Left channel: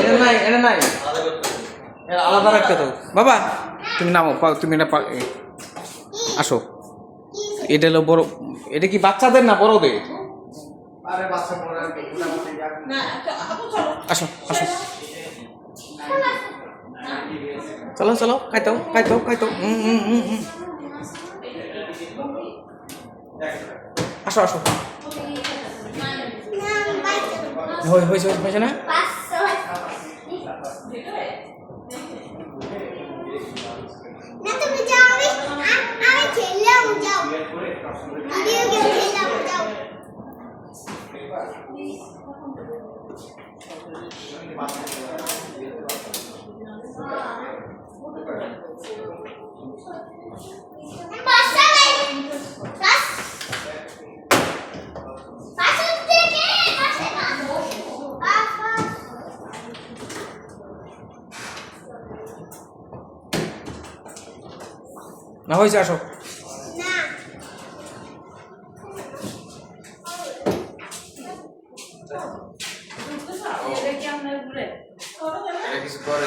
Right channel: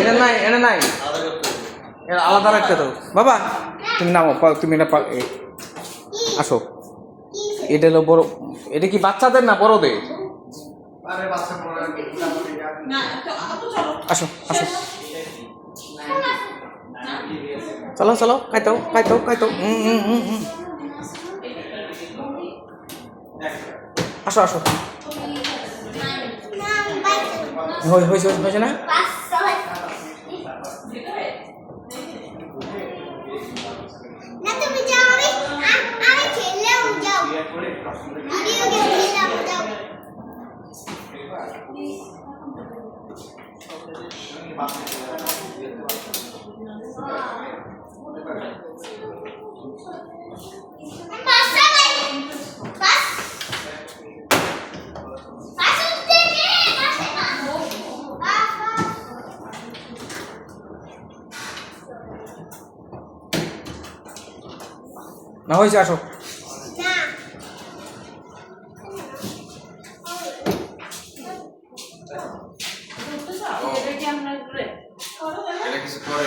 এটা নাই, এটা নাই, আলাদা রাখতে তো। বাবা তুমি নামো, তুমি এটা আসো। এটা হলো বড়, এটা কি বাচ্চাদের না বড়দের? আসো আসো, চলো চলো, খাইতো খাইতো খাইতো। আসো আসো, হয়েছে হয়েছে না? না হয়েছে, আসো। এটা কিছু করে